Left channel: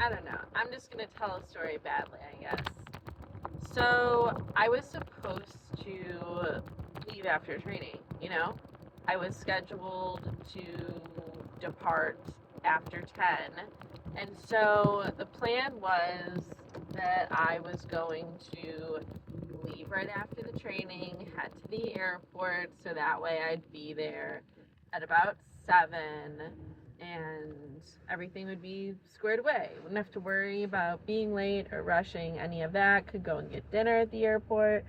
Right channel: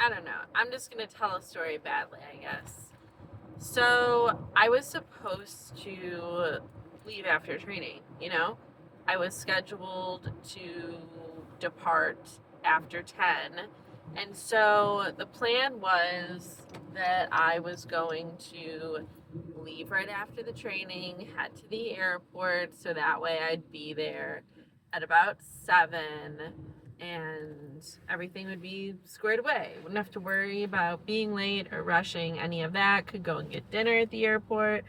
I don't know. I'm just gonna tell a story badly, I guess. So I was supposed to leave after training, you know? I was scheduled to depart after 10. And so the plan was that I was going to leave right after the training, head to the airport, so that way I'd be there at about 7 and everything would be squared away. Wouldn't have to worry about being late or rushing, any of that. Could go and get dinner at the airport.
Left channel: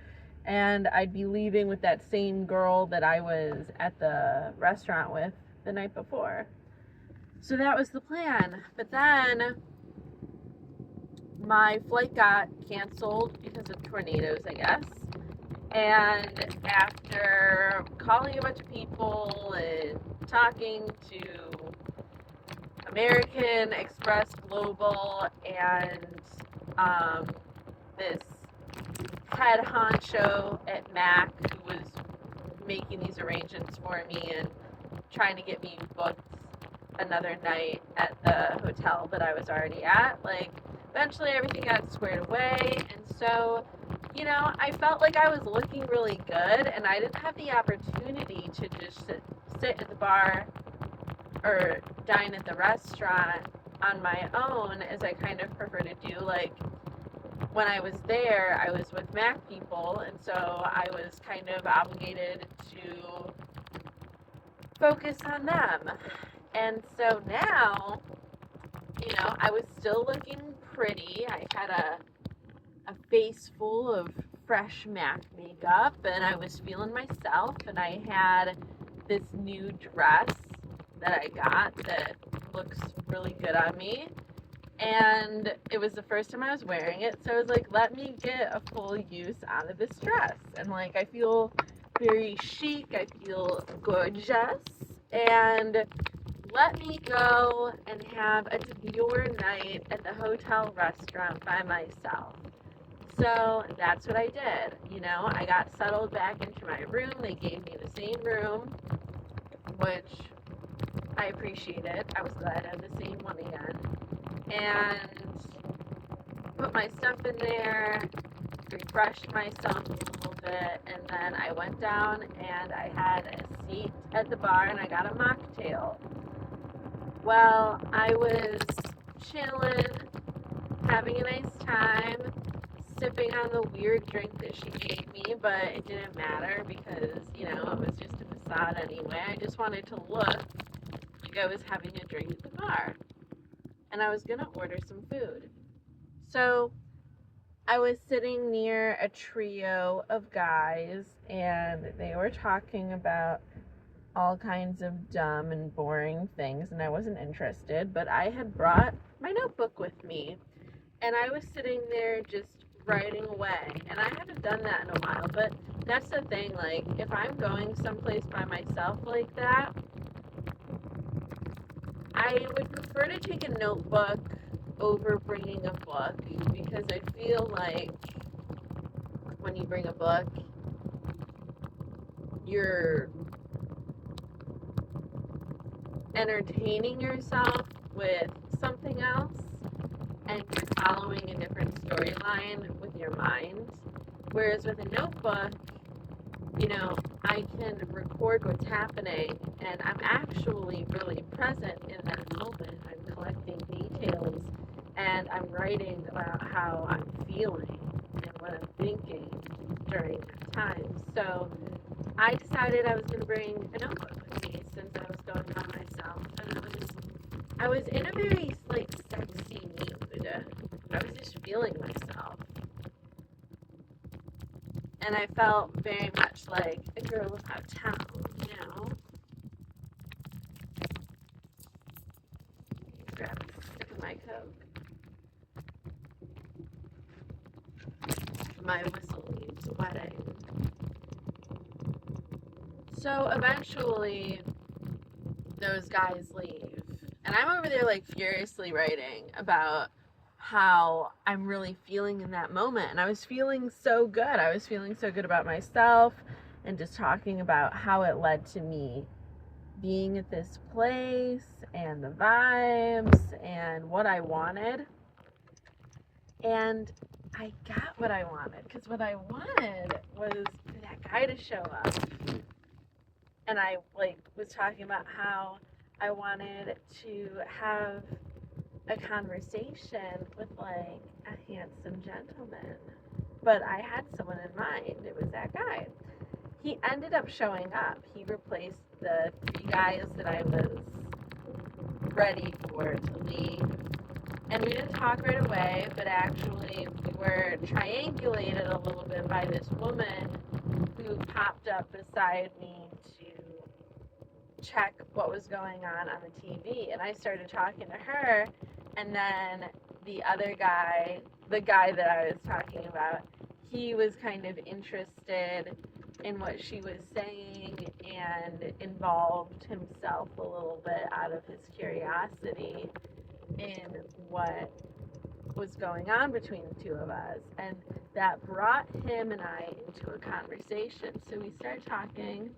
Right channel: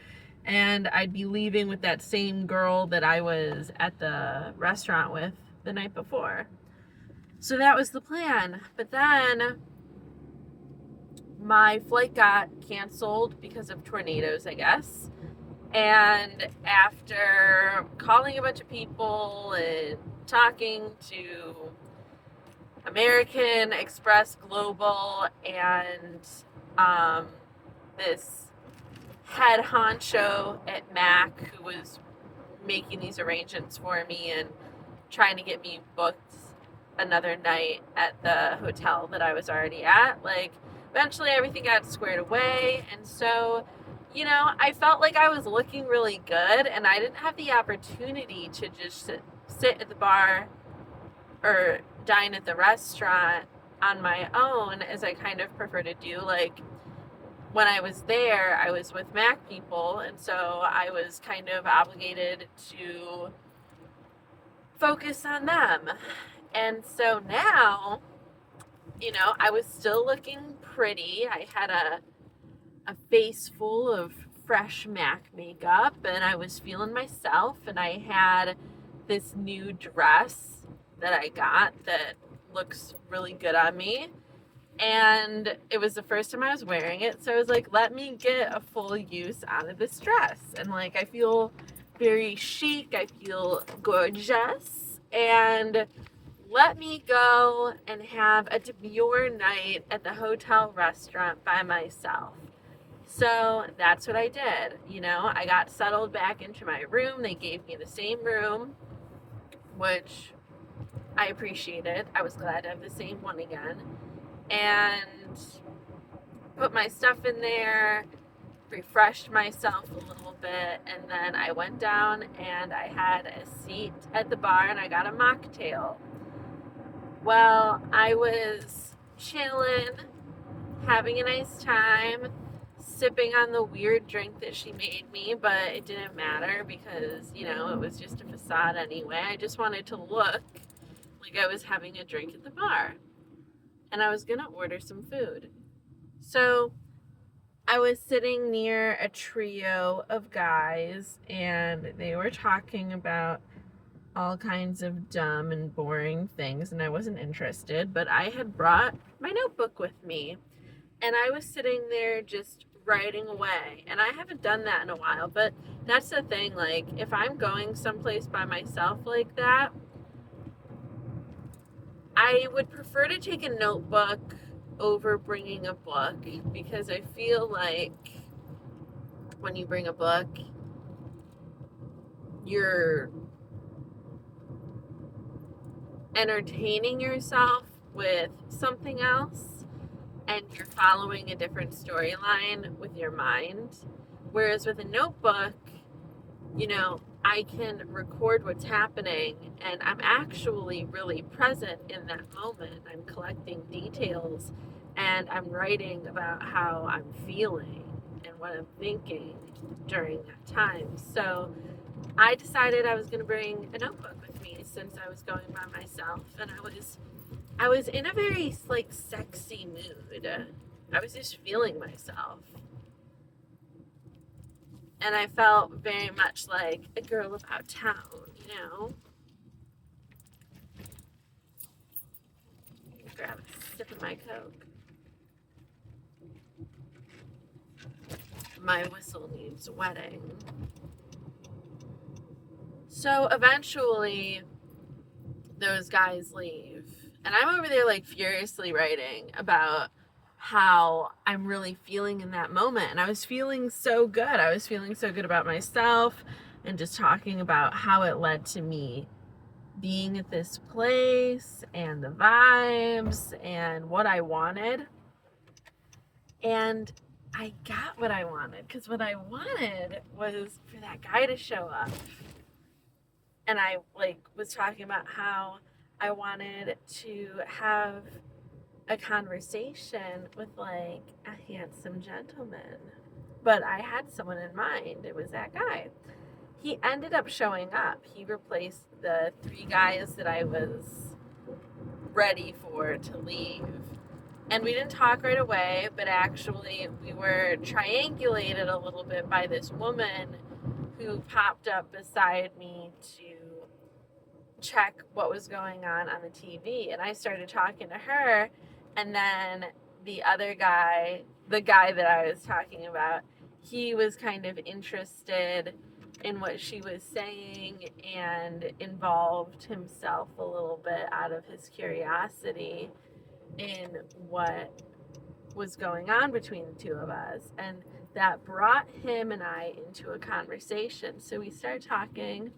And I'd be leaving with that same girl that I was at the restaurant with the night before. So that was the plan. But then my flight got canceled because of tornadoes, I guess. And after calling a bunch of people and talking to American Express Global and um, this head honcho at Mac who was making these arrangements for me and trying to get me booked another night at the hotel that I was already at. Like, eventually everything got squared away. And so, I felt like I was looking really good and I didn't have the opportunity to just sit at the bar or dine at the restaurant on my own as I kind of prefer to do. Like, when I was there, I was with Mac people, and so I was kind of obligated to focus on them. And so now, I was still looking pretty. I had a face full of fresh Mac makeup, and I was feeling myself, and I had this new dress that I got that looks really good on me. And it was the first time I was wearing it, so I was like, let me get a full use out of this dress. And like, I feel very chic, I feel gorgeous, and let me go and have a demure night at the hotel restaurant by myself. So that's what I did. I got settled back into my room. They gave me the same room, which I appreciated. I was glad to have the same one again. And put my stuff in there, refreshed myself a little bit, and then I went down and I had a seat at the bar and I got a mocktail. Well, I was chilling, having a nice time, sipping on the weird drink that she made me, but it didn't matter because, it was just a facade anyway. I just wanted to look like I was having a drink at the bar. And I was going to order some food. So I was sitting near a trio of guys, and they were talking about all kinds of dumb and boring things, and I wasn't interested, but I had brought my notebook with me, and I was sitting there just writing away. And I haven't done that in a while, but that's the thing. Like, if I'm going someplace by myself like that, I would prefer to take a notebook over bringing a book because I feel like when you bring a book, you're entertaining yourself with something else and you're following a different storyline with your mind. Whereas with a notebook, I can record what's happening and I'm actually really present in that moment. I'm collecting details and I'm writing about how I'm feeling and what I'm thinking during that time. So I decided I was going to bring a notebook with me since I was going by myself, and I was in a very like sexy mood. I was just feeling myself. And I felt very much like a girl about town. Grab a sip of my Coke. My whistle needs wetting. So eventually, those guys leave. And I'm over there, like, furiously writing about how I'm really feeling in that moment. And I was feeling so good. I was feeling so good about myself and just talking about how it led to me being at this place and the vibes and what I wanted. And I got what I wanted, because what I wanted was for that guy to show up. And I was talking about how I wanted to have a conversation with a handsome gentleman. But I had someone in mind. It was that guy. He ended up showing up. He replaced the 3 guys that I was ready for to leave. And we didn't talk right away, but actually we were triangulated a little bit by this woman who popped up beside me to check what was going on the TV. And I started talking to her, and then the other guy, the guy that I was talking about, he was kind of interested in what she was saying and involved himself a little bit out of his curiosity in what was going on between the two of us. And that brought him and I into a conversation. So we started talking,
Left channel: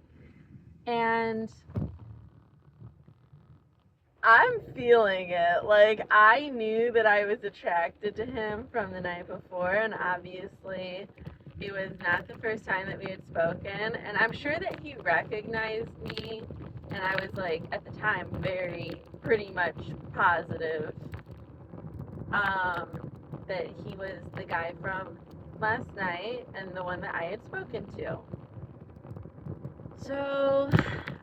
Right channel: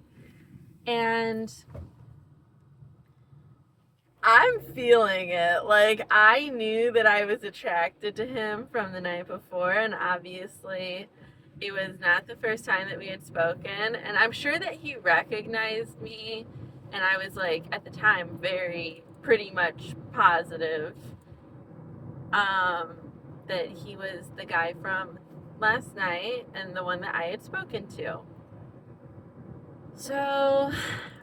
and I'm feeling it. I knew that I was attracted to him from the night before, and obviously it was not the first time that we had spoken. And I'm sure that he recognized me, and I was at the time, pretty much positive that he was the guy from last night and the one that I had spoken to. So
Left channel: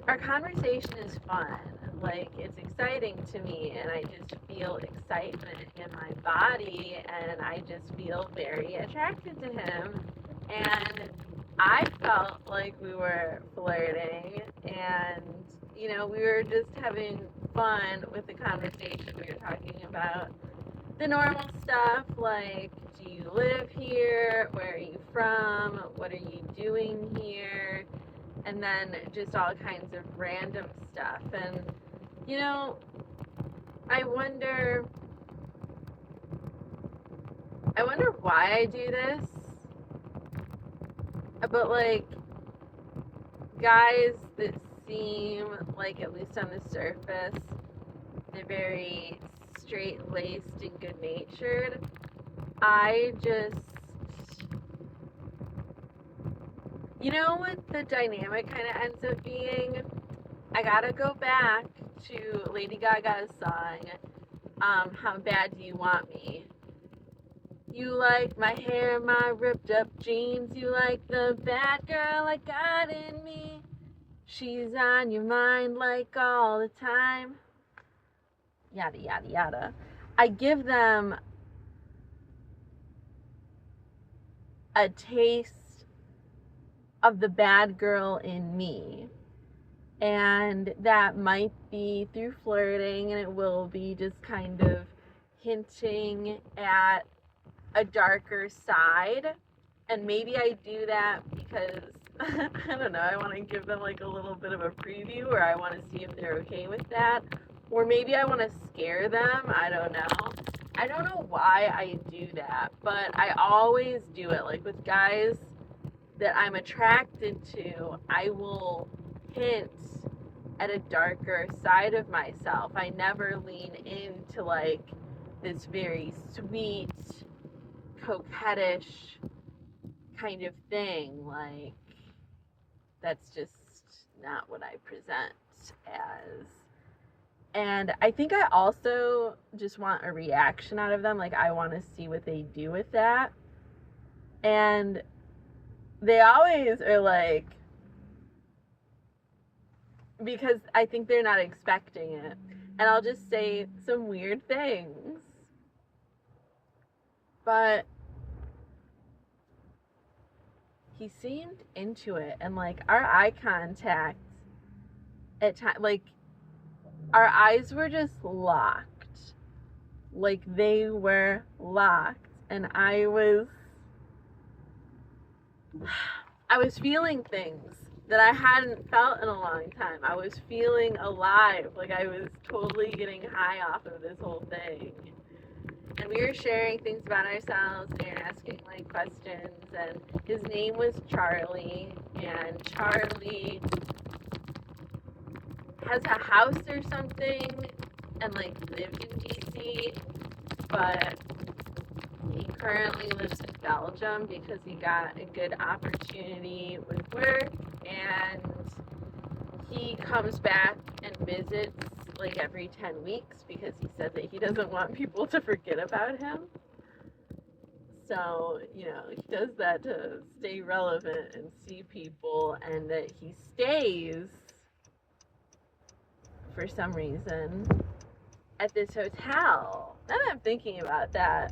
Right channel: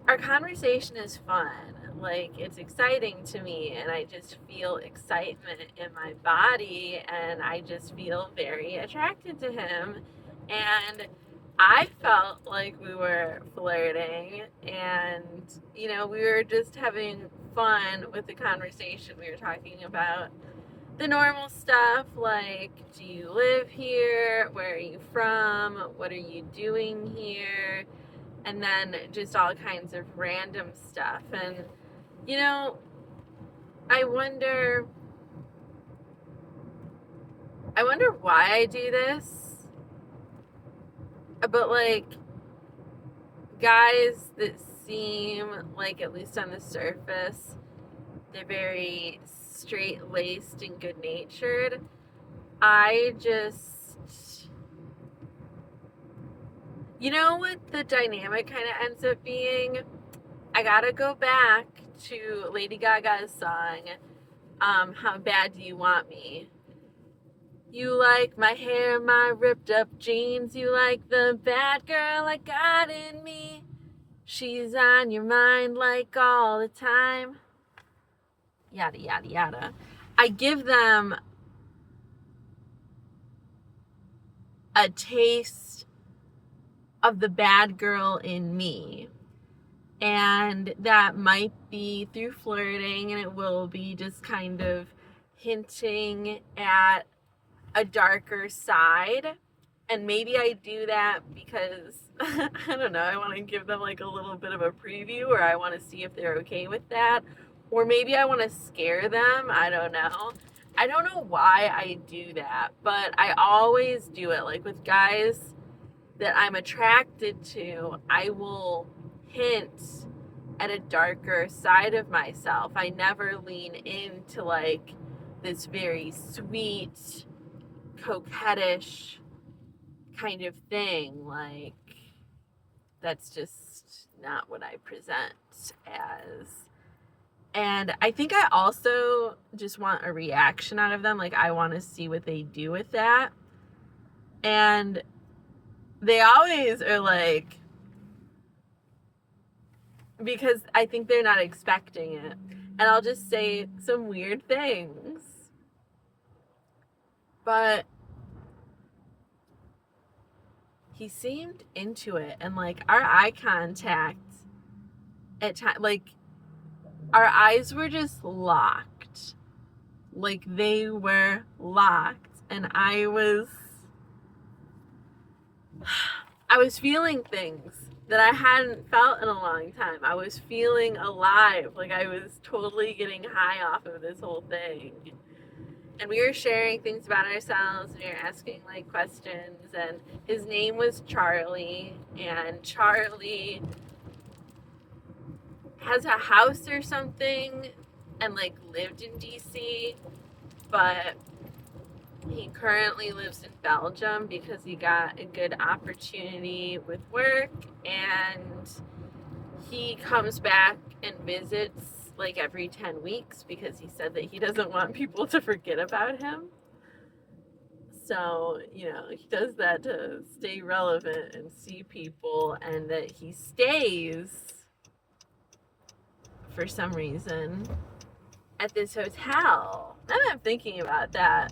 our conversation is fun. It's exciting to me, and I just feel excitement in my body, and I just feel very attracted to him. And I felt like we were flirting, and we were just having fun with the conversation. We were talking about the normal stuff, do you live here? Where are you from? What are you doing here? And then just all kinds of random stuff. And I wonder why I do this. But guys that seem at least on the surface, they're very straight-laced and good-natured. I just, what the dynamic kind of ends up being? I gotta go back to Lady Gaga's song, How Bad Do You Want Me? You like my hair, my ripped up jeans. You like the bad girl I got in me. She's on your mind all the time. Yada, yada, yada. I give them a taste of the bad girl in me. And that might be through flirting, and it will be just kind of hinting at a darker side. And maybe I do that because I don't know, I want to give them a little bit of a preview, or I want to see if they're okay with that, or maybe I want to scare them. I don't know why I do that, but I always do it. With guys that I'm attracted to, I will hint at a darker side of myself. I never lean into this very sweet, coquettish kind of thing. That's just not what I present as. And I think I also just want a reaction out of them. I want to see what they do with that. And they always are because I think they're not expecting it. And I'll just say some weird things. But he seemed into it. And our eye contact at times, our eyes were just locked. They were locked. And I was feeling things that I hadn't felt in a long time. I was feeling alive. I was totally getting high off of this whole thing. And we were sharing things about ourselves, and we were asking questions. And his name was Charlie. And Charlie has a house or something and lived in DC, but he currently lives in Belgium because he got a good opportunity with work, and he comes back and visits like every 10 weeks because he said that he doesn't want people to forget about him. So, he does that to stay relevant and see people, and that he stays for some reason at this hotel. Now that I'm thinking about that,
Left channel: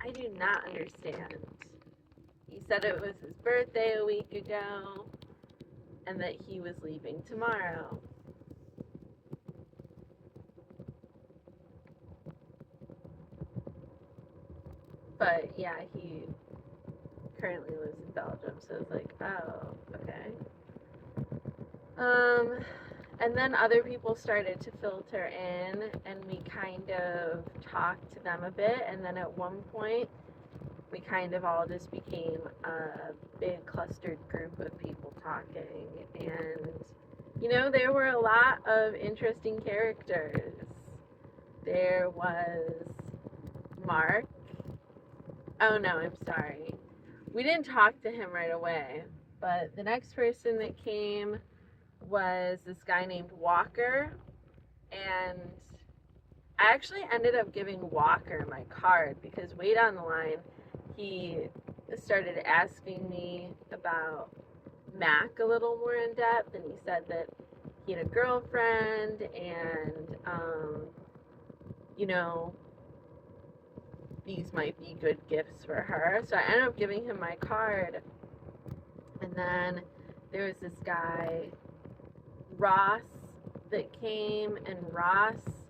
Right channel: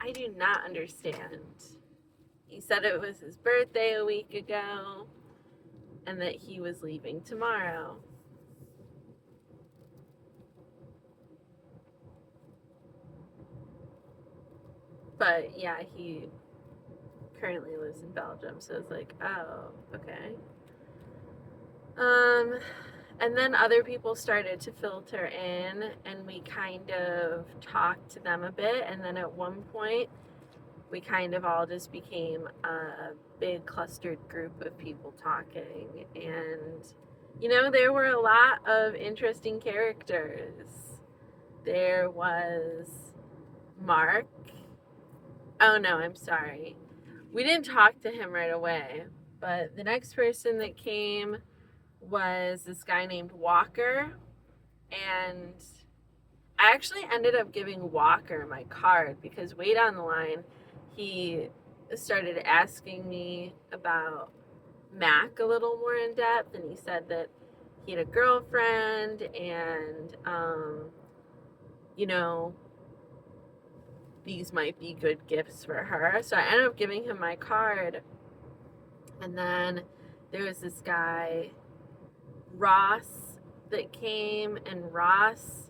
I do not understand. He said it was his birthday a week ago and that he was leaving tomorrow. But yeah, he currently lives in Belgium, so it's like, oh, okay. And then other people started to filter in, and we kind of talked to them a bit, and then at one point we kind of all just became a big clustered group of people talking. And there were a lot of interesting characters. There was Mark. Oh no, I'm sorry. We didn't talk to him right away, but the next person that came was this guy named Walker, and I actually ended up giving Walker my card because way down the line he started asking me about Mac a little more in depth, and he said that he had a girlfriend, and these might be good gifts for her. So I ended up giving him my card. And then there was this guy, Ross, that came, and Ross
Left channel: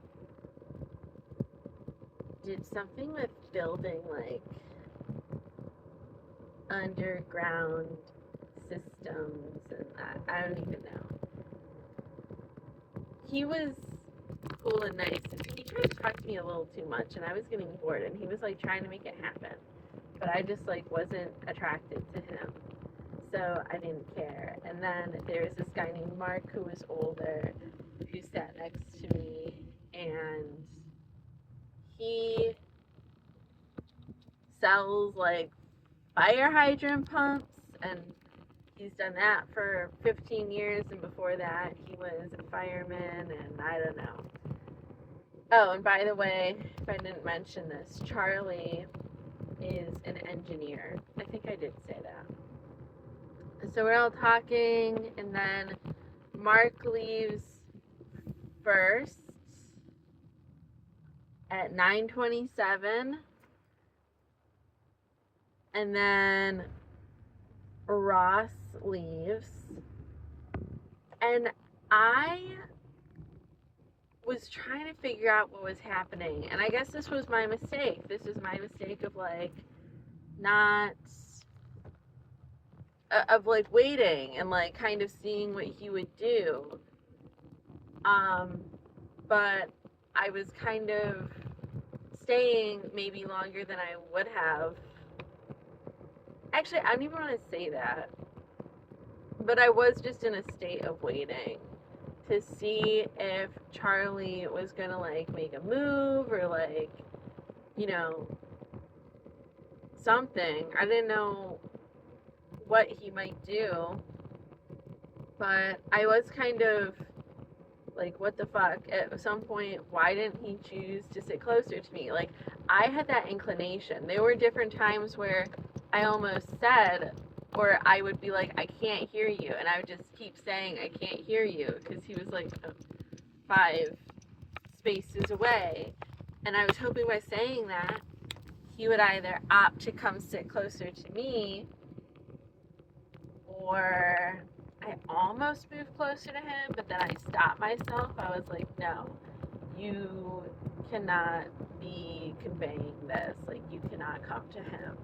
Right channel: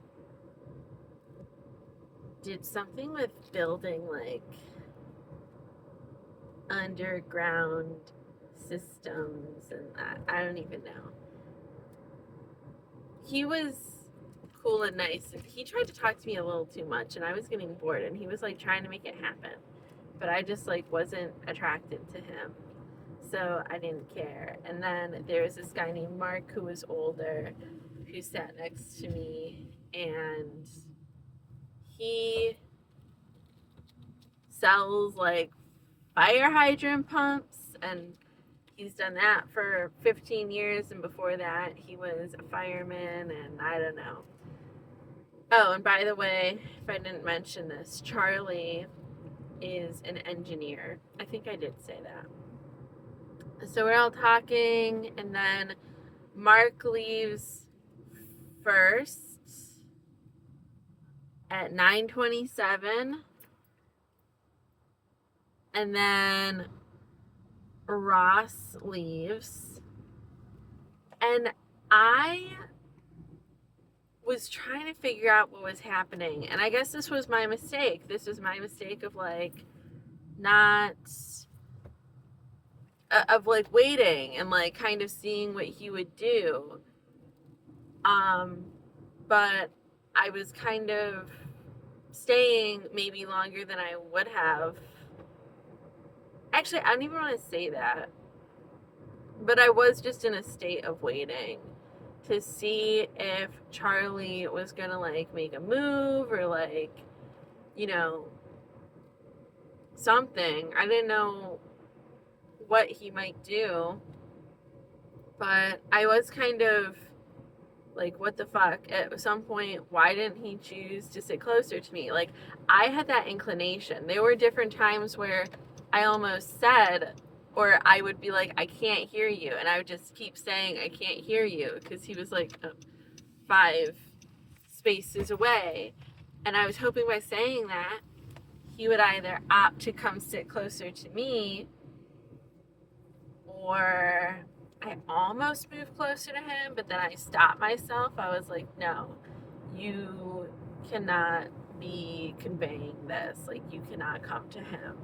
did something with building like underground systems, and I don't even know. He was cool and nice, and he tried to talk to me a little too much, and I was getting bored, and he was like trying to make it happen, but I just like wasn't attracted to him, so I didn't care. And then there was this guy named Mark who was older, who sat next to me, and he sells like fire hydrant pumps, and he's done that for 15 years, and before that he was a fireman, and I don't know. Oh, and by the way, if I didn't mention this, Charlie is an engineer. I think I did say that. So we're all talking, and then Mark leaves first at 9:27, and then Ross leaves, and I was trying to figure out what was happening, and I guess this was my mistake. This was my mistake of like not of like waiting and like kind of seeing what he would do. But I was kind of staying maybe longer than I would have. Actually, I don't even want to say that, but I was just in a state of waiting to see if Charlie was gonna like make a move or like, something. I didn't know what he might do, but I was kind of like, what the fuck? At some point, why didn't he choose to sit closer to me? Like, I had that inclination. There were different times where I almost said, or I would be like, I can't hear you, and I would just keep saying, I can't hear you, because he was like 5 spaces away, and I was hoping by saying that he would either opt to come sit closer to me, or I almost moved closer to him, but then I stopped myself. I was like, no, you cannot be conveying this. Like, you cannot come to him.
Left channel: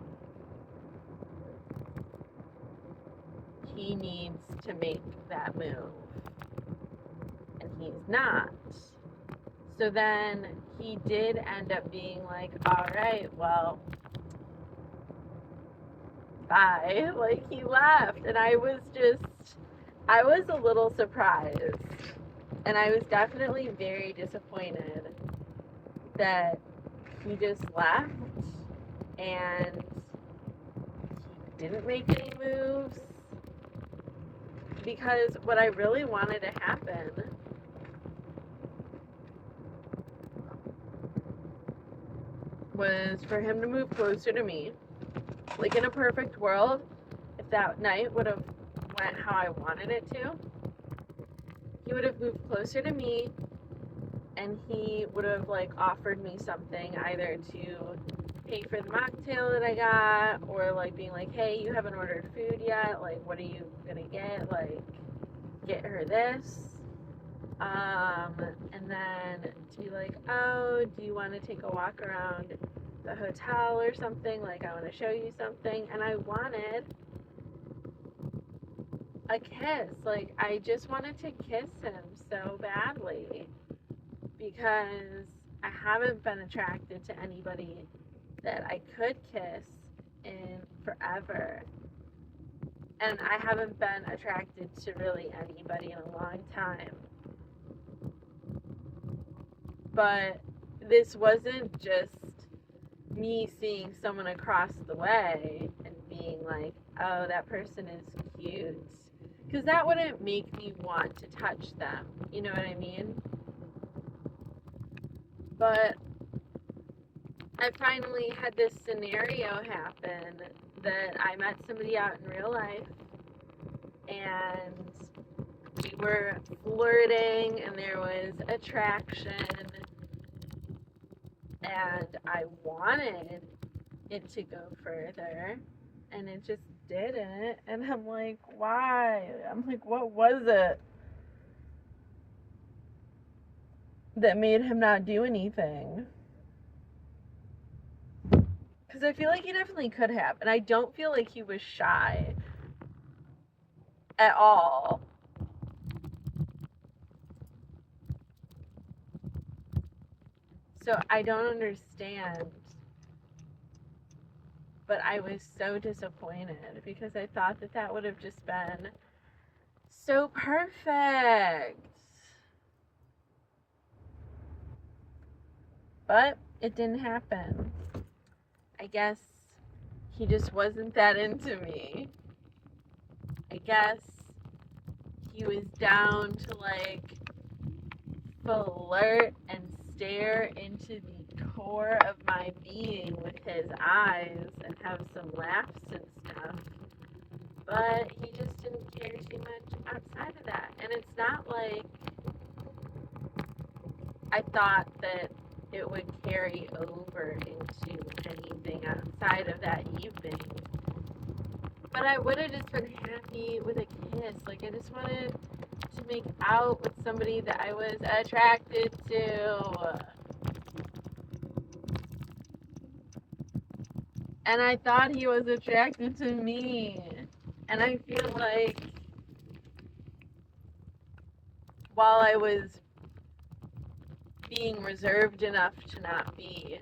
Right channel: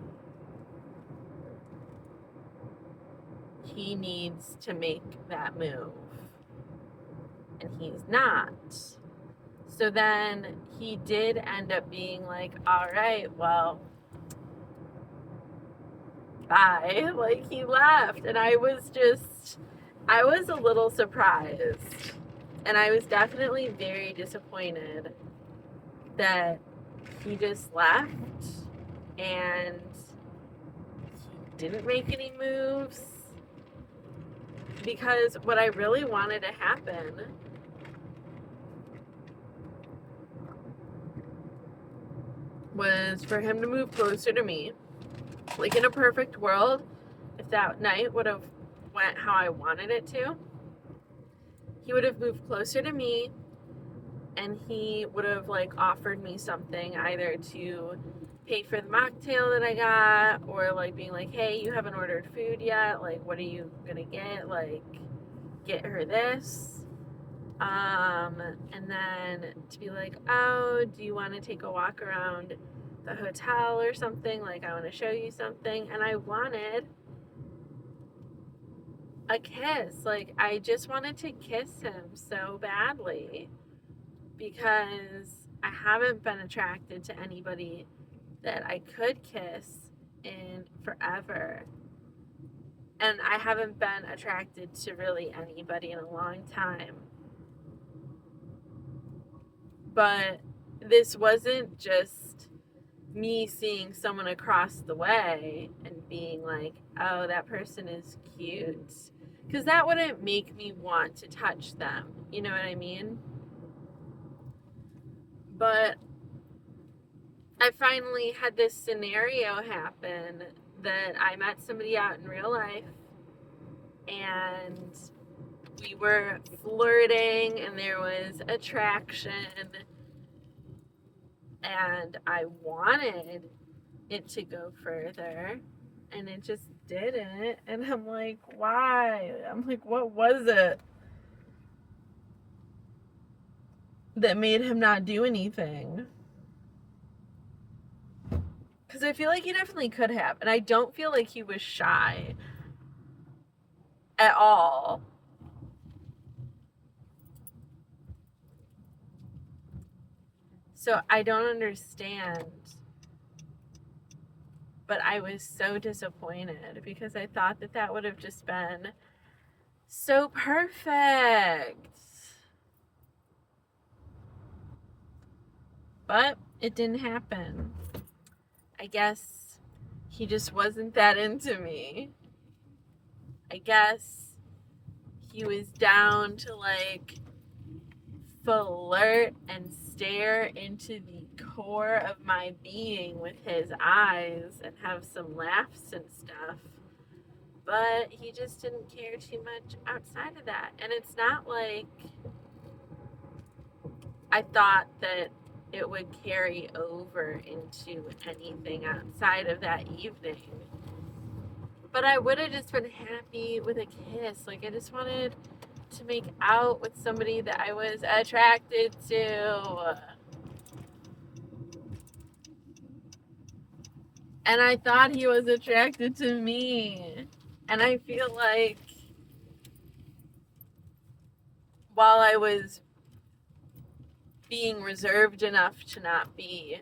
He needs to make that move, and he's not. So then he did end up being like, all right, well, bye. Like, he left, and I was a little surprised, and I was definitely very disappointed that he just left. and he didn't make any moves, because what I really wanted to happen was for him to move closer to me. Like, in a perfect world, if that night would have went how I wanted it to, he would have moved closer to me, and he would have like offered me something, either to pay for the mocktail that I got, or like being like, hey, you haven't ordered food yet, like what are you gonna get, like get her this, and then to be like, oh, do you want to take a walk around the hotel or something, like I want to show you something. And I wanted a kiss, like I just wanted to kiss him so badly, because I haven't been attracted to anybody that I could kiss in forever. And I haven't been attracted to really anybody in a long time. But this wasn't just me seeing someone across the way and being like, oh, that person is cute. Because that wouldn't make me want to touch them. You know what I mean? But I finally had this scenario happen that I met somebody out in real life, and we were flirting and there was attraction, and I wanted it to go further, and it just didn't. And I'm like, why? I'm like, what was it that made him not do anything? Because I feel like he definitely could have, and I don't feel like he was shy at all. So I don't understand. But I was so disappointed, because I thought that that would have just been so perfect. But it didn't happen. I guess he just wasn't that into me. I guess he was down to like flirt and stare into the core of my being with his eyes and have some laughs and stuff. But he just didn't care too much outside of that. And it's not like I thought that it would carry over into anything outside of that evening. But I would have just been happy with a kiss. Like, I just wanted to make out with somebody that I was attracted to. And I thought he was attracted to me. And I feel like while I was being reserved enough to not be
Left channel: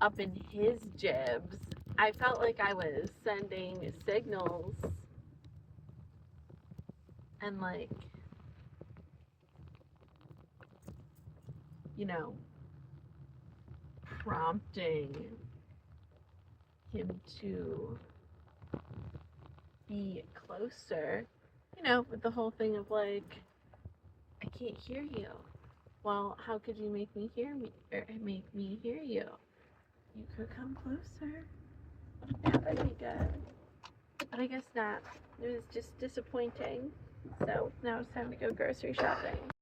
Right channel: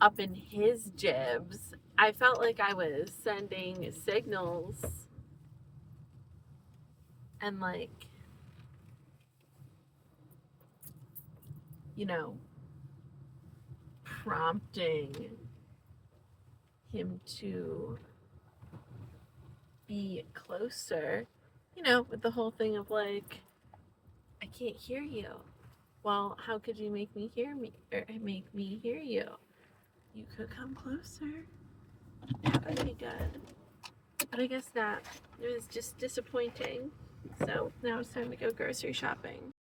up in his jibs, I felt like I was sending signals and like, you know, prompting him to be closer, you know, with the whole thing of like, I can't hear you. Well, how could you make me hear me, or make me hear you? You could come closer. That would be good. But I guess not. It was just disappointing. So now it's time to go grocery shopping.